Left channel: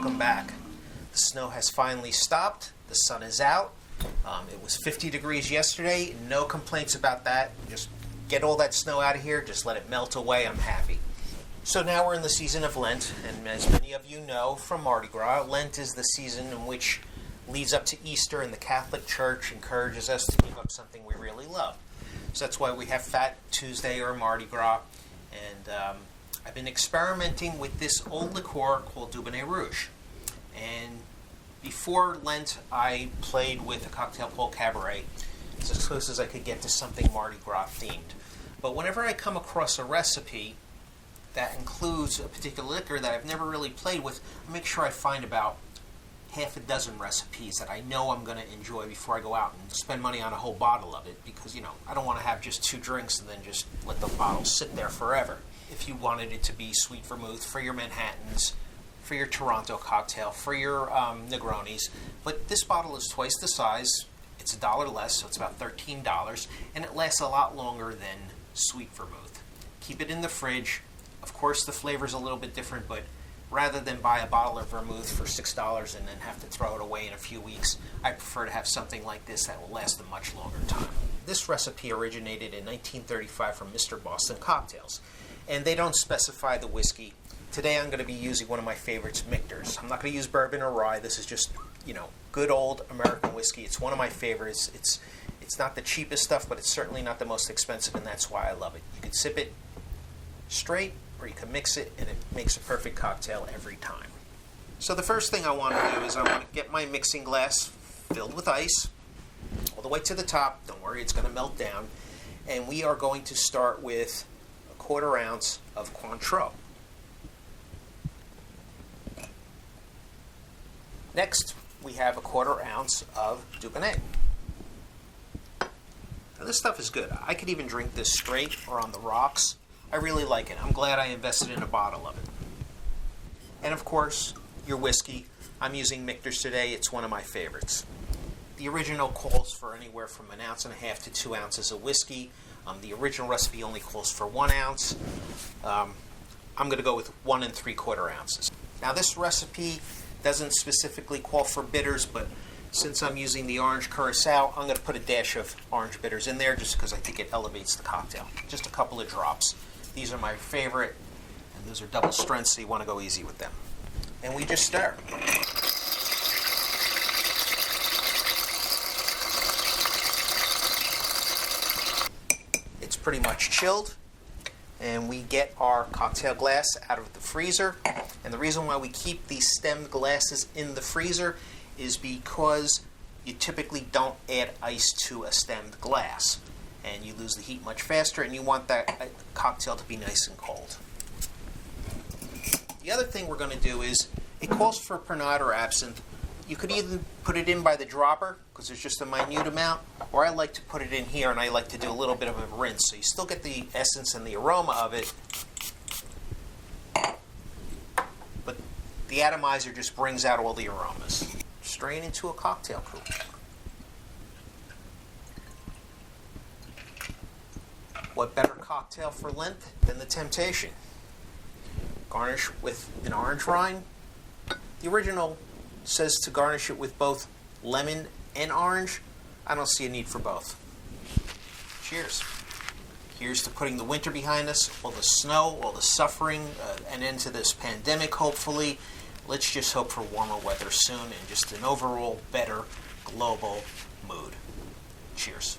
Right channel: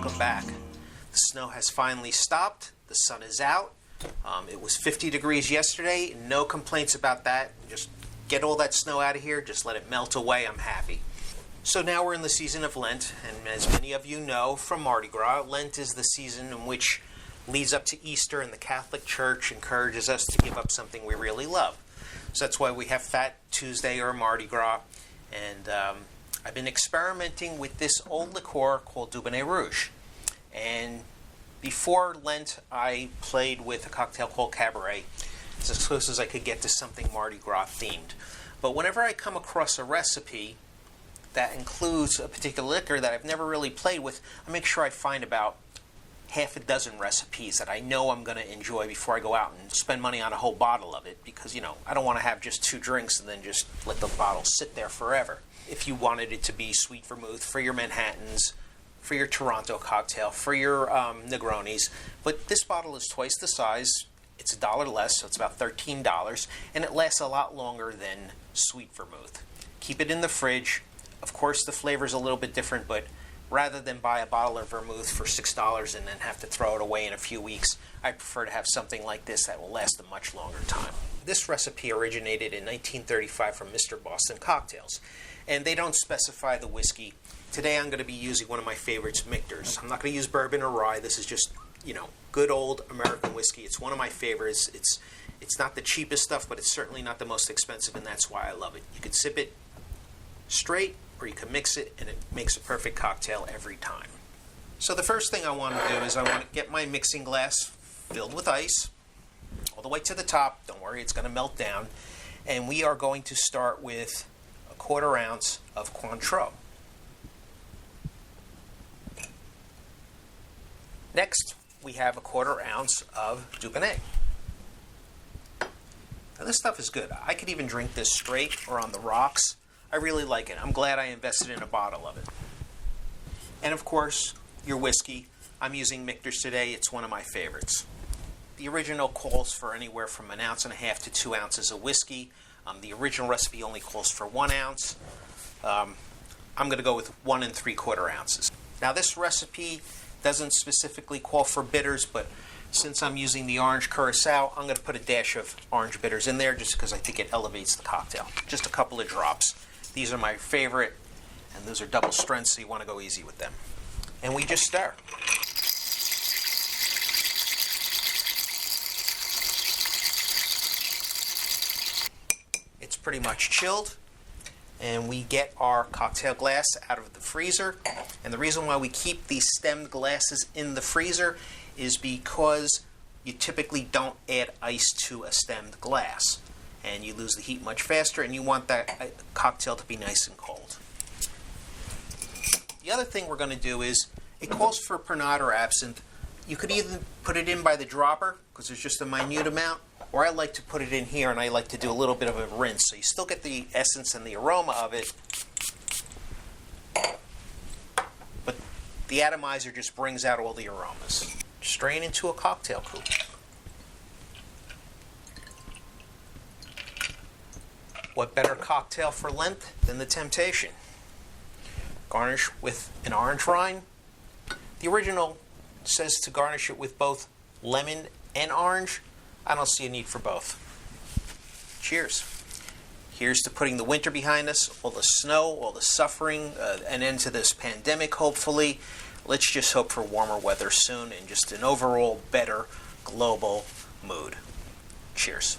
welcome back. The snow has finally stopped. The sun is out. It was 50 degrees yesterday. No complaints about that. Just get all that snow out of here. Just let it melt away. I'm happy. So now we're in the season of Lent, and as many of you know from Mardi Gras, Lent is the season in which leads up to Easter, and the Catholic Church encourages us to give up something we really love. So that's why we have Fat Tuesday or Mardi Gras, and I've been experimenting with this old liqueur called Dubonnet Rouge. And before Lent, I played with a cocktail called Cabaret. It's as close as I could get to something Mardi Gras themed. But whenever I come across a recipe that includes a particular liquor that I've never really played with, I make sure I find about half a dozen recipes that I know I'm going to enjoy before I go out and spend money on a whole bottle of it, because, I don't want to have just 2 drinks and then just let the bottle sit there forever. If you wanted it to be sweet vermouth for your Manhattans, for your Toronto cocktail, for your Negronis, but this bottle is twice the size. It's $1 less, so it's about $13, and it lasts a lot longer than sweet vermouth. Keep it in the fridge. Of course, the flavor's a little bit different, but rather than buy a bottle of vermouth for $6 and then have to throw it away in a few weeks, I prefer to have something like this that will last a much longer time. This recipe originated in 1935 from Mr. Boston Cocktails, and they don't specify the whiskey. Today I'm going to be using one of my favorites, Michter's. I'm not going to use bourbon or rye. This is just, good old American whiskey. It's one of my favorites. It's not the cheapest stuff, but it's certainly not the most expensive, and that's why I love it. You could sip it straight, or you can mix it, and it makes a perfect cocktail every time. So the first thing I want to do is I want to get my mixing glass filled with ice all the way to the top. Don't worry, it's going to melt down. And we are going to start with a 1/4 ounce of Cointreau. Next, we have a 1/4 ounce of Dubonnet. Now this stuff is good. I could even drink this straight or on the rocks. I really like it. I'm glad I invested in a bottle of it. And of course, your whiskey. I'm using Michter's today. It's one of my favorites. The original calls for anywhere from 1.5 ounces to 2 ounces of whiskey. The original recipe only calls for 1 ounce. I'm going to go with 1 3/4 ounces. Now this recipe doesn't specifically call for bitters, but since I'm using the orange curacao, I'm going to put a dash of orange bitters in there just because I think it elevates the cocktail. Just a couple of drops. These are my favorite, and those are double strengths, so you want to go easy with them. And we just stir. It's pretty much chilled, and we get our cocktail glass out of the freezer. And the reason why we keep these stemmed glasses in the freezer is because you typically don't add ice to a stemmed glass, and you lose the heat much faster, and you want that cocktail to be nice and cold. The other thing we're going to do is, it calls for Pernod or absinthe. You could either put it in by the dropper, because there's just a minute amount, or I like to put it in here, and I like to do a little bit of a rinse, so you still get the essence and the aroma of it, but the atomizer just brings out all the aromas. Strain into a cocktail coupe. What better cocktail for Lent than the Temptation? Garnish with an orange rind. The original says to garnish it with both lemon and orange. I don't see a need for both. Cheers. Here's to putting the winter behind us, all the snow, all the suffering, an end to this pandemic, hopefully. Let's just hope for warmer weather soon and just an overall better global mood. Cheers.